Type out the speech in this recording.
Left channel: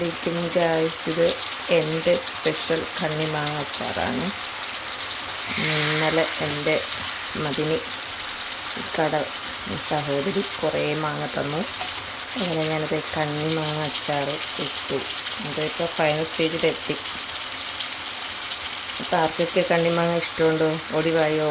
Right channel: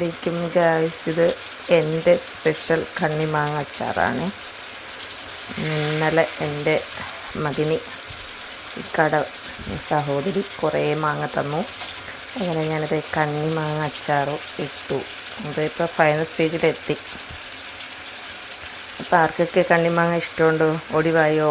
ലേക്കും ഗായ്സ്, ഇത് എൻ്റെ സ്പെഷ്യൽ കണ്ണിമാങ്ങ അച്ചാറാണ്. ഇന്നലെ എൻ്റെ മതിനി കട സഹോദരി കുറേ മാങ്ങ തന്നു. അങ്ങനെ ഞാനത് കണ്ണിമാങ്ങ അച്ചാർ ഇട്ടു. അതിപ്പോൾ ഫൈനൽ സ്റ്റേജിലെത്തി. അപ്പോൾ ആർക്കൊക്കെ കണ്ണിമാങ്ങ ഇഷ്ടമുണ്ടോ? ഒടിവായോ?